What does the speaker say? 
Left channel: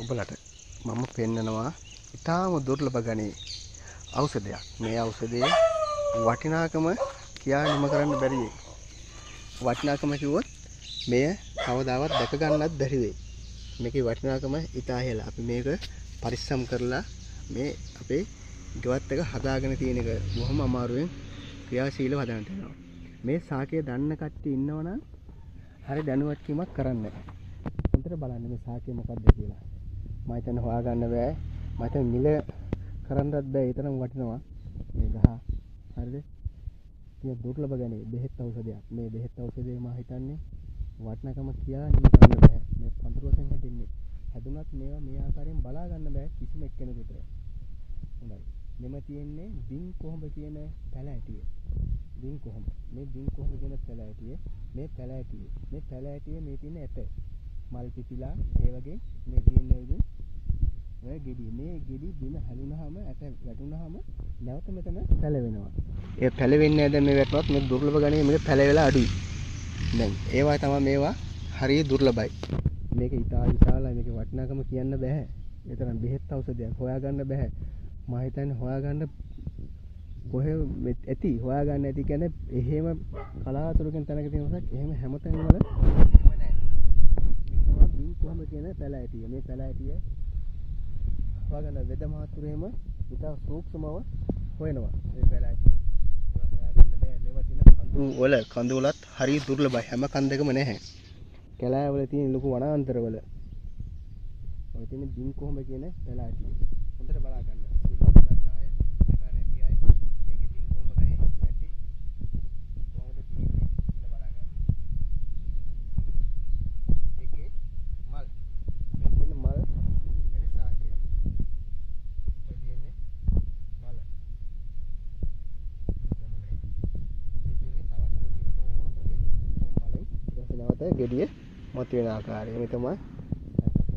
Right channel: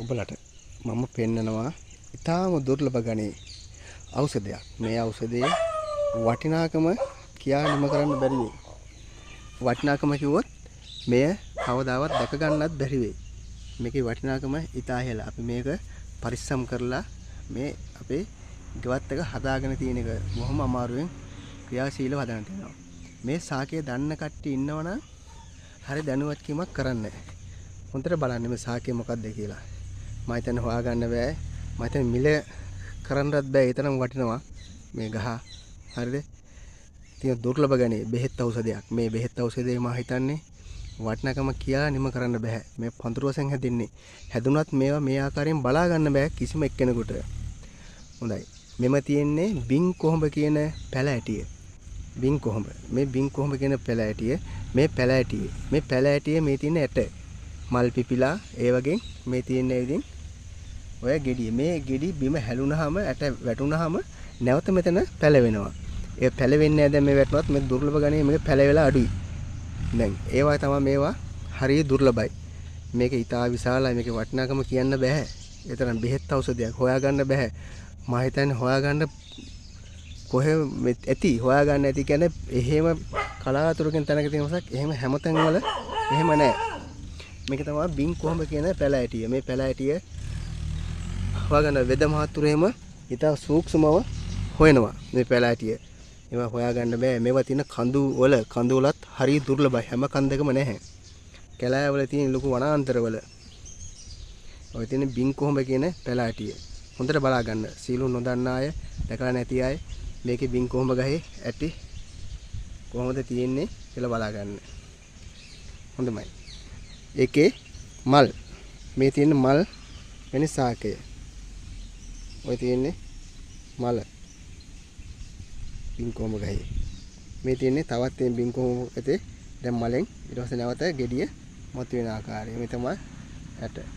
ඔබලට මම පෙන්නනවා ඊටාම දුර්ලභ ගණේ ඖෂධයක්. මේ ඖෂධයේ වටිනාකම කියා නිම කරන්න බැරි වෙයි. වටිනාකම කිව්වොත් මෙය කවදාවත් දැක ගන්නත් බැරි වෙයි. මේකේ වටිනාකම ඊටා ඉහළ. අපි මේක පරිස්සම් කරලා මේ අපේ ගෙවත් එක හදාගෙන තියෙන එක බොහොම අමාරුවෙන් ක්‍රියාශීලව හදාගෙන තියෙනවා. මේ සාකය දන්න කට්ටිය ඉන්නවනම් හරි දැනුවත්කමක් කරන්න. හොඳට බලන්න මේ සාකය මොකක්ද කියලා. මම හිතන්නේ හොයාගන්න බෑ. මම හිතන්නේ මිල කරන්නත් බෑ. ඒ තරම් වටිනවා මේ ගහ. හරිද? තියෙන දුර්ලභ ගණේ බෙහෙත් ඖෂධයක්. මේ බෙහෙත් ඖෂධය මම හිතන්නේ වටිනාකම කියලා නිම කරන්න බෑ. මේ පඳුරු වශයෙන් හැදින්නේ. හැදුනත් මේවා මේ ආකාරයෙන් බලා ගන්න බෑ කිසිම එක්කෙනෙකුට. හොඳයි. මෙම තියෙන්නේ බින් කොහොඹ කියන පැල ඇටිය. බින් කොහොඹ. මේ බින් කොහොඹ කියන පැල ඇටිය. මේ පැල ඇටිය. මේ පැල ඇටිය මේ තියෙන ඇට. මල් පිපිලා ඒ වගේ මේ තියෙන ඉතින් ඔය ගෙඩිය. මේ ගෙඩි බිම හැලුනහම ඇට වැටුනහම නැවත මෙතන පැලවෙනවා. ඒ පැලවෙන්නේ නැහැ දැන් මේ වැටුනත් මේ දුර්ලභ ගණේ මේක පැලවෙලා අඩුයි. දැන් ඒවා තමයි මේවා හරිය දුර්ලභයි. මේක ඊටා විශාලයි. මේකේ වටිනාකම කියන්න බෑ. ඒ තරම් බෙහෙත් ඖෂධයක් හොයාගන්න බෑ. මම හිතන්නේ හොයාගන්න කොහෙ ඇති හොයාගන්න ඇති කියන්නේ එහෙම කලාතුරකින් තැනක තියෙන මොසක් එහෙම හැමතැන් වල එහෙම නැහැ. මේක තමයි බින් කොහොඹ කියන පැල ඇටිය. මේ පැල ඇටිය හොයාගන්න වෙද මහතුරු එහෙම ඊටා සූක්ෂමව හොයනවා මේ පැල ඇටිය. ඒවා හොයාගන්න බෑ. මේවා තියෙන කඳු වලත් හරිය දුර්ලභයි. හැම කන්දකම නැහැ. කැලෑ වල තියෙන ලොකු වනාන්තරවල ඔය තියෙන බින් කොහොඹ කියන පැල ඇටිය. හොඳට බලා ගන්න. සීලු නොදන්න අය, දැකලා නැති අය මේකේ බින් කොහොඹ ගහේ ඇටි කොහොමද තියෙන්නේ කියලා බලා ගන්න. හොඳයි. ඒකේ මල් මේ තියෙන මල් වෙන සාකය. ඔය තියෙන්නේ මල බින් කොහොඹ ගහේ. මේ තියෙන්නේ තවත් මේ බින් කොහොඹ ඇතේ දැන් මලෙන් ඊට පස්සේ නැවත ගෙඩිය මත වෙන ආකාරය. මේ තමයි ඇට.